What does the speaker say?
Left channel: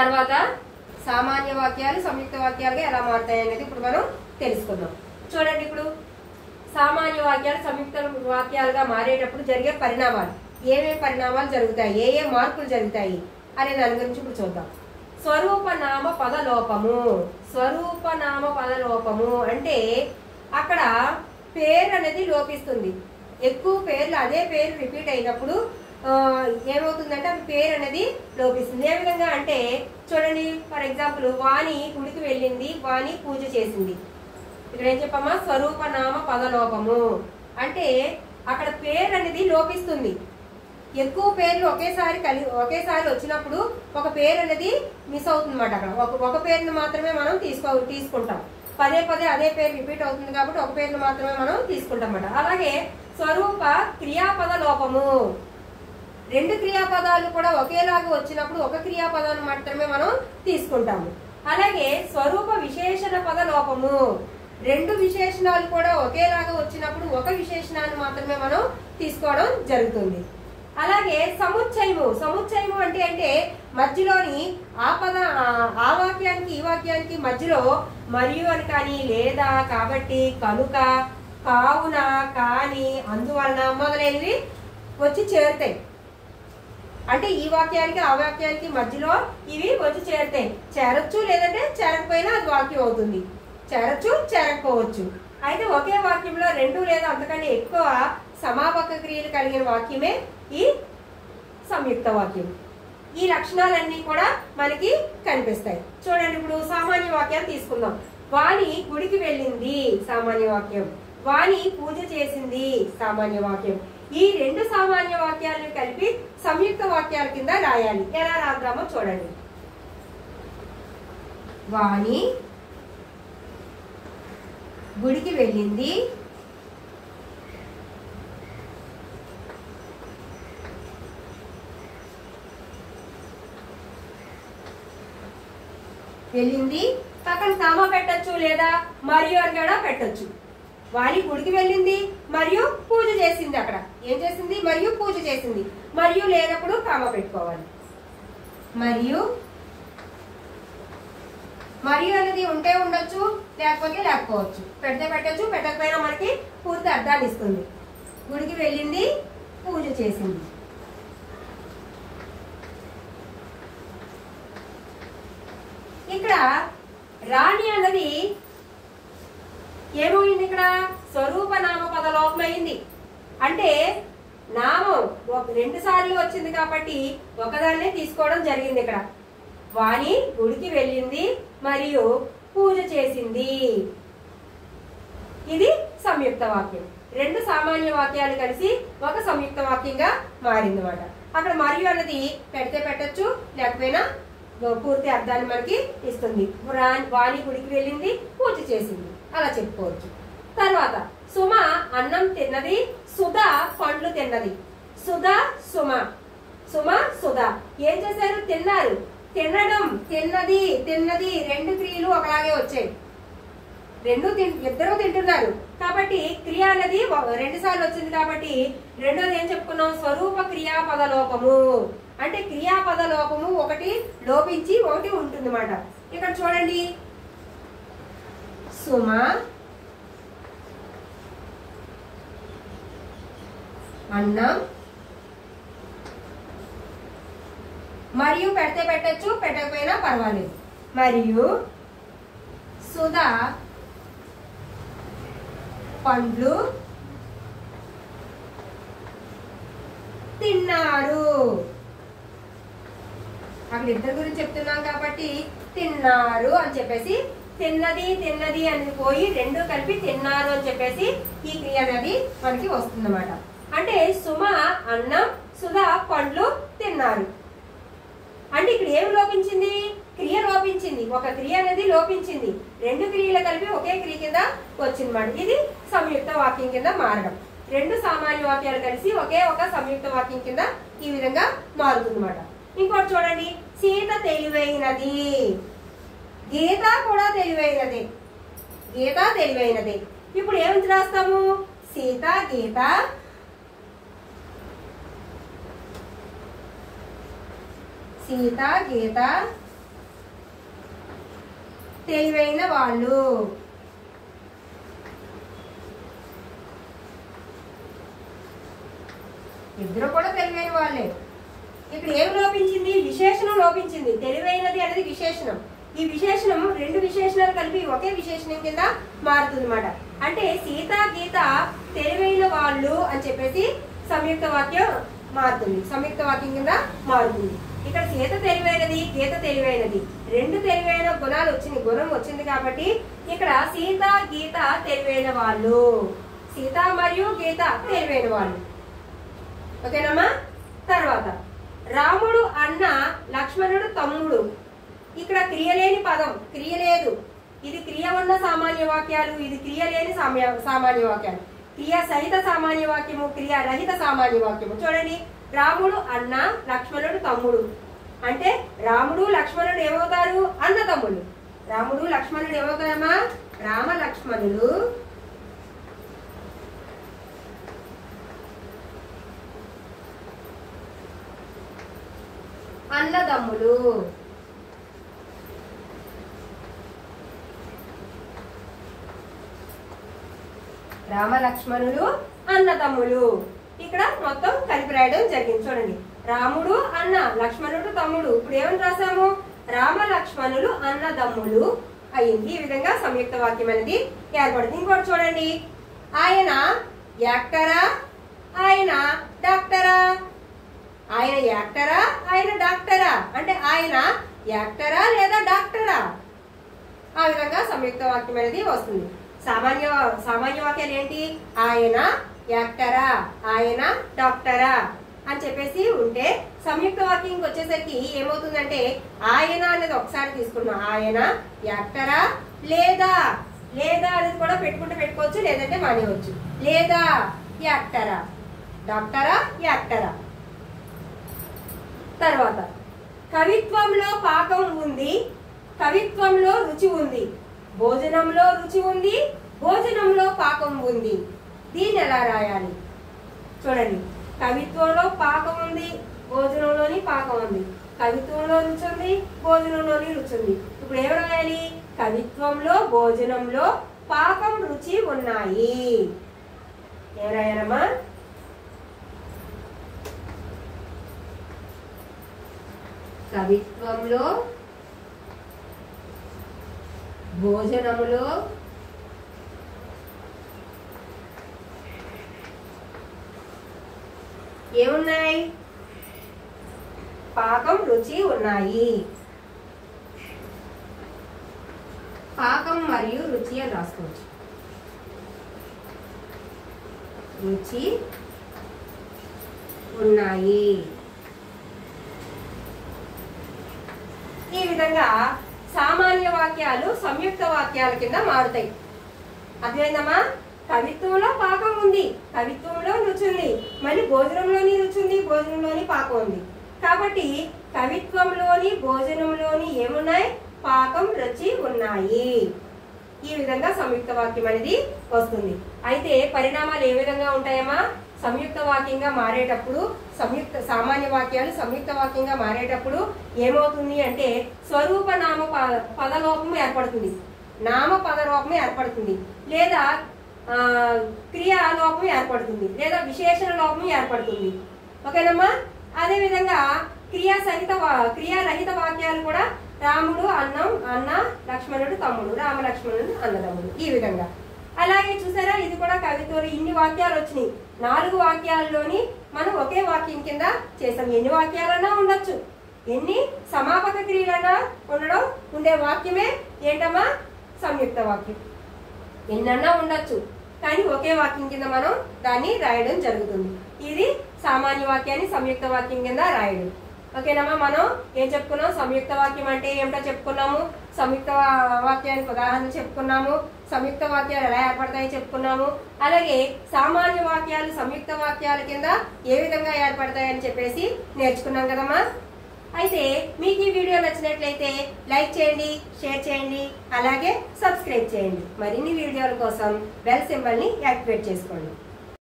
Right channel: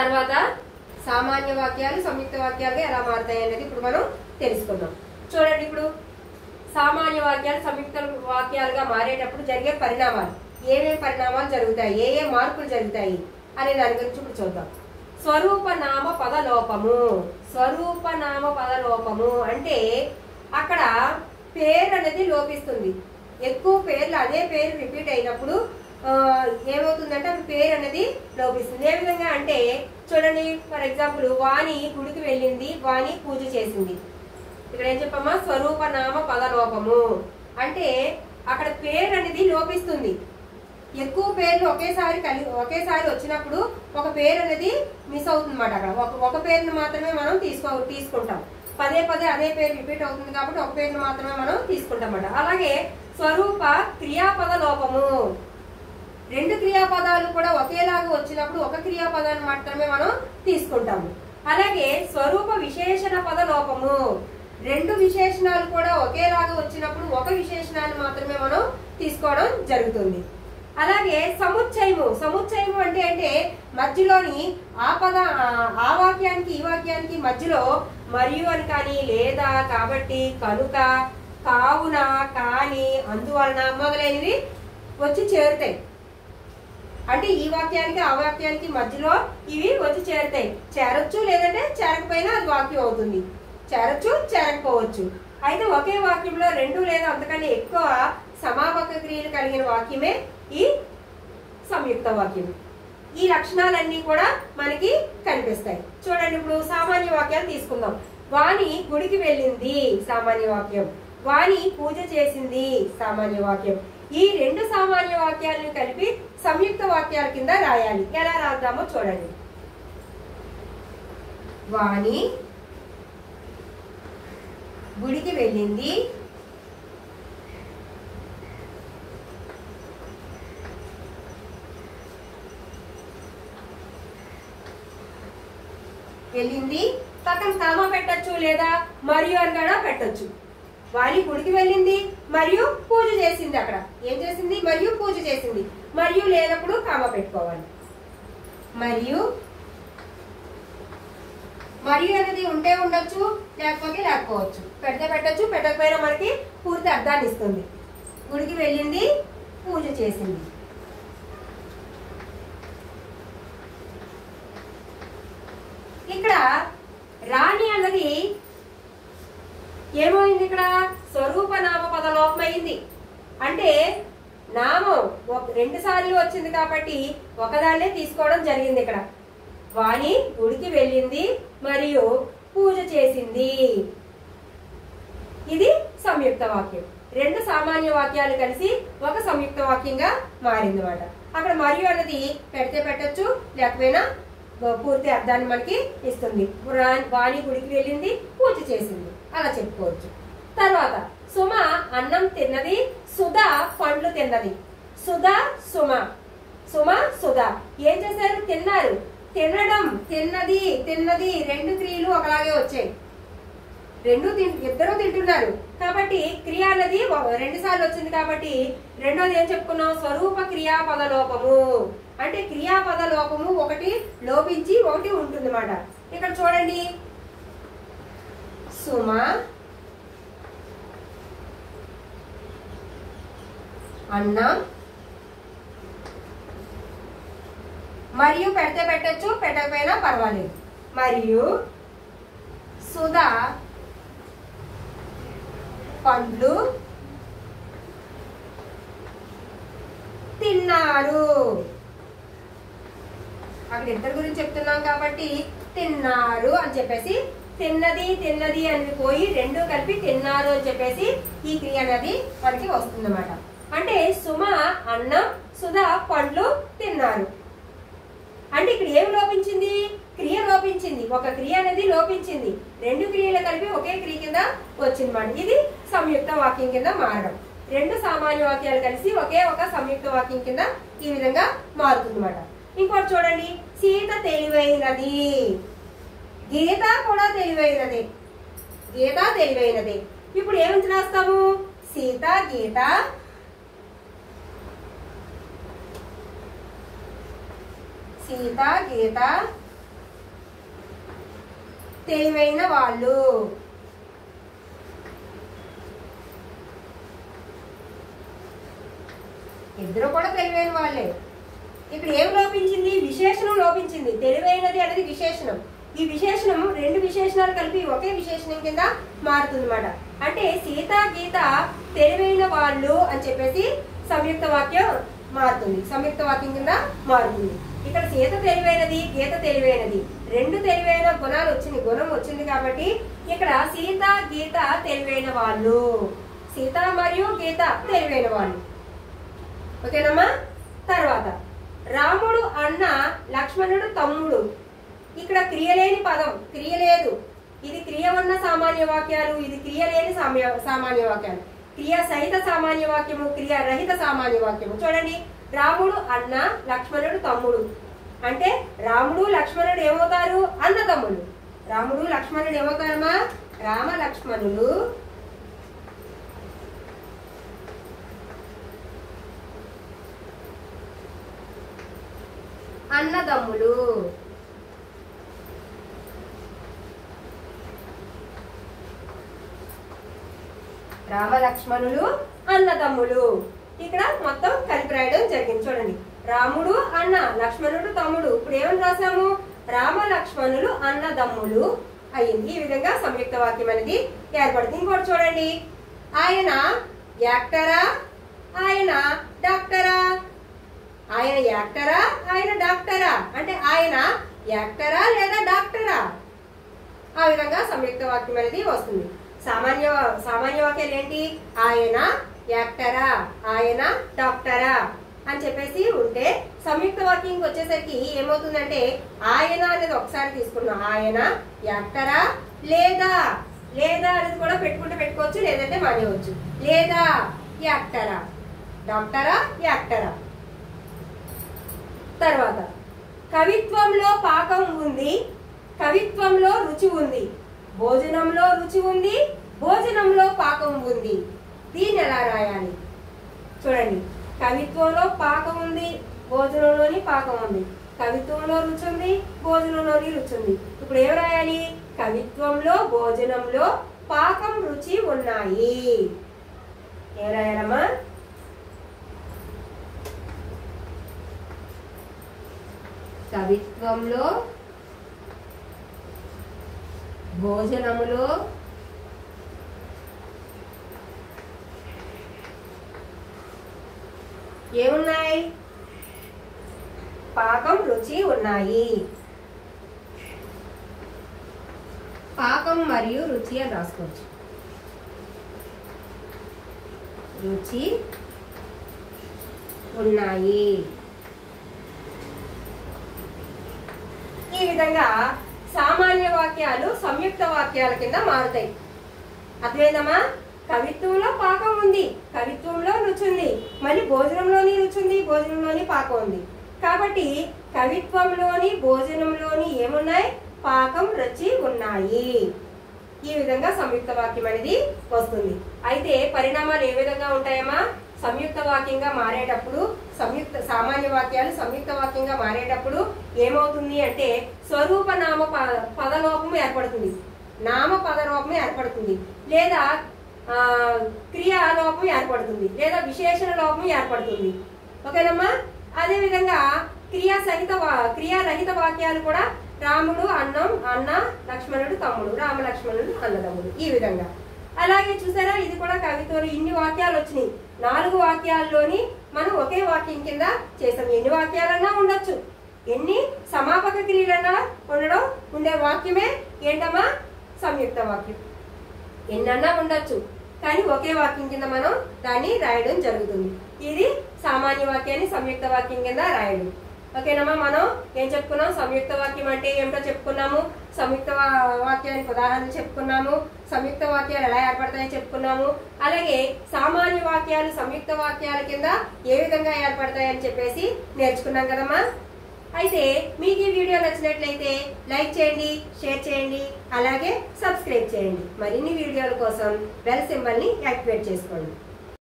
తర్వాత సామాన్య వాక్యాలు సంయుక్త వాక్యాలుగా ఎలా మారుతాయి అనేది ఇప్పుడు మనం తెలుసుకుందాం. చూడండి, ఇప్పుడు సామాన్య వాక్యాలు సంయుక్త వాక్యాలుగా మారేటప్పుడు జరిగే పరిణామాలు, ఏమేమి పరిణామాలు జరుగుతాయి, ఏ మార్పులు జరుగుతాయి అనే దాని గురించి ఇప్పుడు చూద్దాం. స్వరూపనామ పదలోపము. స్వరూపనామ పదలోపము అంటే అక్కడ పేరు అనేది లోపిస్తుంది. ఎక్కువ పేర్లు అదే పేరు రిపీట్ అయినప్పుడు ఏమవుతుందంటే అది పేరు అనేది లోపిస్తుంది. ఏ విధంగా అంటే చూడండి, ఫర్ ఎగ్జాంపుల్ వాణి గుడికి వెళ్ళింది, వాణి పూజ చేసింది. ఇక్కడ ఏం చెప్పమ్మా, స్వరూపనామ పదలోపము అంటే అక్కడ పేరు అనేది లోపిస్తుంది. ఎక్కువ పేర్లు ఒకేసారి వచ్చినప్పుడు ఒక పేరు అనేది మిస్ అవుతుంది అన్నమాట. అక్కడ ఒక పేరును మాత్రమే మనం తీసుకుంటాం. పదే పదే అదే పేరు రిపీట్ అవుతుంది కాబట్టి ఒక పేరును మాత్రమే మనం తీసుకుంటాం అన్నమాట. అలాగే స్వరూప క్రియాపద లోపము, రెండు క్రియాపదాలు కూడా ఒకేలాగా వచ్చినప్పుడు ఒక క్రియాపదాన్ని మాత్రమే మనం తీసుకుంటాము. అలాగే స్వరూప విశేషణ పద లోపము, రెండు విశేషణాలు కూడా ఒకేలాగా వచ్చినప్పుడు ఒక విశేషణాన్ని మాత్రమే మనం తీసుకోవడం జరుగుతుంది. అలాగే సముచ్చయము. సముచ్చయము అంటే మధ్యలోని ఆ వాక్యానికి ఈ వాక్యానికి మధ్యలో మరియు అని కానీ, లేదా, కాబట్టి, కనుక, కావున, కాని, అందువలన మొదలైనవి వచ్చి చేరుతాయి. అంటే ఈ వాక్యానికి ఆ వాక్యానికి మధ్యలో ఇవి వచ్చి చేరుతాయి. చేరొచ్చు, లేదంటే చేరకపోయినా అది వాక్యం అవుతుంది. చేరొచ్చు, చేరకపోవచ్చు. అయితే ఒకే వాక్యంలో రెండు లేదా అంతకంటే ఎక్కువ సమాపక క్రియలు కలిగిన వాక్యమే ఈ సంయుక్త వాక్యం. ఈ లక్షణాలన్నీ కూడా మనకి కనిపిస్తాయి. చూడండి, ఇప్పుడు సామాన్య వాక్యాలు తీసుకుందాం. వాణి గుడికి వెళ్ళింది సామాన్య వాక్యం, వాణి పూజ చేసింది సామాన్య వాక్యం. ఈ రెండు సామాన్య వాక్యాలను కలిపి సంయుక్త వాక్యాల కింద రాయాలి. ఎలా రాద్దామో చూడండి. వాణి గుడికి వెళ్ళింది, పక్కన కామా పెట్టచ్చు, లేదా మరియు అని కూడా పెట్టచ్చు. వాణి గుడికి వెళ్ళింది మరియు పూజ చేసింది. అక్కడ ఏం చేసింది, మరియు పూజ చేసింది. మరియు లేనప్పుడు కామా పెట్టుకోవాలి. మరియు అనేది ఉంటే ఉండొచ్చు, లేకపోతే లేకపోవచ్చు. పెడితే పెట్టచ్చు, పెట్టకపోయినా మనకి పూర్తి అర్థాన్ని ఇస్తుంది. గుడికి వెళ్ళింది, పూజ చేసింది. ఇక్కడ రాణి అన్నది ఏమైంది, ఇక్కడ స్వరూప నామ పద లోపమైంది. అంటే నామం రెండు సార్లు వచ్చింది కాబట్టి ఒకదాన్నే తీసుకోవడం జరిగింది. ఇక్కడ వాణి గుడికి వెళ్ళింది మరియు పూజ చేసింది. ఇది సంయుక్త వాక్యం. రెండు సామాన్య వాక్యాలు కలిసి ఒక సంయుక్త వాక్యంగా మారింది అన్నమాట. అక్కడ మరియు అన్నది పెడితే పెట్టచ్చు, లేకపోయినా పూర్తి అర్థాన్ని మనకి ఇస్తుంది. వాణి గుడికి వెళ్ళింది, పూజ చేసింది, అలా చెప్పుకోవచ్చు. తర్వాత సుమ అన్నం తిన్నది, సుధ పండ్లు తిన్నది. సుధ సుమ, సుమ సుధ ఏం చేశారు, తిన్నారు. తినడం, తిన్నది, తిన్నది రెండు క్రియలు ఒకలాగే వచ్చాయి. ఇద్దరు తింటున్నారు కాబట్టి క్రియ అనేది రెండు సార్లు వచ్చింది కాబట్టి రెండోది ఏం చెప్పుకున్నాం, స్వరూప క్రియాపద లోపము. అంటే క్రియాపద లోపము ఒకటి లోపించి ఒకటి ఉంటుంది అన్నమాట. ఇక్కడ చూడండి, సుమ అన్నం మరియు పెడితే పెట్టచ్చు, పెట్టకపోయినా పర్వాలేదు. మరియు సుధ పండ్లు తిన్నారు. అక్కడ ఇద్దరు గురించి చెప్తున్నాం కాబట్టి తిన్నారు అని చెప్పేసి తిన్నది తిన్నది అనేది పోయి రెండు కలిపి తిన్నారు అని చెప్పేసి ఈ క్రియ అనేది మనకి వస్తుందన్నమాట. అంటే సుమ అన్నం, సుధ పండ్లు తిన్నారు. అంటే ఇక్కడ ఏమి లోపించింది, క్రియ లోపించింది. ఒక క్రియ అనేది లోపించింది, రెండు క్రియలు కలిపి ఒకే క్రియ కింద వచ్చిందన్నమాట. ఇది సంయుక్త వాక్యం కింద మారడం. రెండు సామాన్య వాక్యాలు కలిసి ఒకే ఒక సంయుక్త వాక్యం కింద ఈ విధంగా మారుతుందన్నమాట. ఇంకోటి చూడండి, సీత తెలివైనది, గీత కూడా తెలివైనది. గీత తెలివైనది. ఇప్పుడు ఏమిటి రాస్తాము, సీత గీత, సీత గీత తెలివైన వాళ్ళు. ఇద్దరు కూడా తెలివైన వాళ్ళే. ఇక్కడ ఏం లోపించింది? విశేషణం లోపించింది. తెలివైనది అనేది విశేషణం. ఈ విశేషణం రెండు విశేషణాలు కలిపి ఒకే విశేషణం కింద మారుతుంది అన్నమాట. అంటే సీత గీత తెలివైన వాళ్ళు అని చెప్పేసి సంయుక్త వాక్యం మారుతుంది, సంయుక్త వాక్యం కింద మారుతుంది. ఇక్కడ సీత తెలివైనది, గీత తెలివైనది, రెండు తెలివైన గుణాలు వచ్చింది, గుణం వచ్చింది కాబట్టి ఇక్కడ సీత గీత తెలివైన వాళ్ళు, సీత మరియు గీత తెలివైన వాళ్ళు. ఓకేనమ్మా. తర్వాత రాముడు అన్న, లక్ష్మణుడు తమ్ముడు. ఇక్కడ క్రియలేని పదం, క్రియ లేదు. ఇది క్రియ ఉన్న సామాన్య వాక్యాలు, ఇది క్రియ లేని సామాన్య వాక్యాలు. క్రియ సహిత సామాన్య వాక్యము, క్రియ రహిత సామాన్య వాక్యము. చూడండి, రాముడు అన్న, లక్ష్మణుడు తమ్ముడు అంటే రాముడు లక్ష్మణుడు ఏమవుతారు? అన్న తమ్ముడు. రాముడు లక్ష్మణుడు ఏమవుతారమ్మా? రామ లక్ష్మణులు అన్నదమ్ములు. రామ లక్ష్మణులు అన్నదమ్ములు. ఇక్కడ మొత్తం కలిపి రాయడం జరిగింది. చూడండి, రాముడు అన్న, లక్ష్మణుడు తమ్ముడు. ఇప్పుడు ఏమని రాసాము? రామ లక్ష్మణులు అన్నదమ్ములు అయింది. ఈ విధంగా సంయుక్త వాక్యం అనేది ఏర్పడుతుంది. ఇంకోటి చూడండి, ఆయన యాక్టరా, ఆయన డాక్టరా. ఆయన యాక్టరా, ఆయన డాక్టరా అంటే ఆయన యాక్టరా లేదా డాక్టరా, ఆ విధంగా సంయుక్త వాక్యం అనేది వస్తుంది. సామాన్య వాక్యాలు ఏంటి? ఆయన యాక్టరా, ఆయన డాక్టరా అని చెప్పేసి ఉంటే, సంయుక్త వాక్యం వచ్చేసరికి ఏమవుతుందంటే ఆయన అనేది ఒకసారి తీసుకున్నాం. ఆయన యాక్టరా లేదా, లేదా అనేది కూడా పెట్టుకుంటే పెట్టుకోవచ్చు, లేదంటే మానేయవచ్చు. లేదా యాక్టరా, డాక్టరా, యాక్టరా. తర్వాత కవిత్వంలో పాకం ఉంది, కవిత్వంలో రుచి ఉంది, భోజనంలో రుచి ఉంది, భోజనంలో పాకం ఉంది. దీన్ని ఎలా రాయాలి? చూడండి, కవిత్వంలో పాకం ఉంది, భోజనంలోని పాకం ఉంది. కవిత్వంలో రుచి ఉంది, భోజనంలోని రుచి ఉంది. ఇప్పుడు ఏం రాయాలి? కవిత్వంలో, భోజనంలో పాకం, రుచి ఉన్నాయి. ఏం రాయాలమ్మా? కవిత్వంలో, భోజనములో ఏమున్నాయి? పాకం, రుచి ఉన్నాయి. పాకం మరియు రుచి అని రాసుకోవచ్చు. రుచి ఉన్నాయి. ఈ విధంగా సామాన్య వాక్యాలు సంయుక్త వాక్యాల కింద మారుతాయి. అర్థమైందమ్మా? కవిత్వంలో పాకం ఉంది, కవిత్వంలో రుచి ఉంది, మళ్ళీ భోజనంలోని రుచి ఉంది, భోజనంలోని పాకం ఉంది. కాబట్టి కవిత్వంలోని, భోజనంలోని ఏమున్నాయి? పాకం, రుచి ఉన్నాయి. ఈ విధంగా సంయుక్త వాక్యం అనేది వస్తుంది. అయితే పరిణామాలు ఏ విధంగా ఉంటాయమ్మా? సంయుక్త వాక్యంగా మారేటప్పుడు, సామాన్య వాక్యాలు సంయుక్త వాక్యంగా మారేటప్పుడు ఏమవుతుంది అంటే స్వరూప నామ పదలోపం ఏర్పడుతుంది, నామ పదలోపం ఏర్పడుతుంది, లేదా క్రియాలోపం ఏర్పడుతుంది, లేదా విశేషణ లోపం ఏర్పడుతుంది. ఓకేనమ్మా? అదే విధంగా క్రియారహిత వాక్యాలు కూడా రాముడు అన్న, లక్ష్మణుడు తమ్ముడు, రామ లక్ష్మణుడు అన్నదమ్ముడు. ఈ విధంగా అలాగే చూసారా, ఇది కూడా కవిత్వంలో ఇన్ని వాక్యాలు వచ్చినాయి. 4 వాక్యాల్లోని మనం ఒకే వాక్యం కింద చేసాం. ఎన్ని వాక్యాలన్నా ఉండొచ్చు, ఎన్ని సమాపక క్రియలన్నా ఉండే వాక్యమే ఏంటమ్మా? సంయుక్త వాక్యం. ఎన్నన్నా ఉండొచ్చు, కానీ ఒకే వాక్యం కింద మనం దాన్ని రాయడం జరుగుతుంది. ఇది సామాన్య వాక్యాన్ని సంయుక్త వాక్యం కింద రాయడం. ఓకేనమ్మా? మనం ఏం చెప్పుకున్నాం? సంయుక్త వాక్యం అంటే ఏమిటో చెప్పుకున్నాము, సంయుక్త వాక్యానికి ఉదాహరణలు చెప్పుకున్నాము, సంయుక్త వాక్యాలు ఎలా ఏర్పడతాయో చెప్పుకున్నాము. అలాగే సామాన్య వాక్యాలు సంయుక్త వాక్యాల కింద ఏ విధంగా ఏర్పడతాయని చెప్పేసి నేర్చుకున్నాం కదమ్మా. అయితే మీకు ఈ వీడియో నచ్చినట్లయితే లైక్ చేయండి, షేర్ చేయండి, అలాగే సబ్స్క్రైబ్ చేయండి. మరిన్ని వీడియోల కోసం బెల్ సింబల్ ని యాక్టివేట్ చేసుకోండి.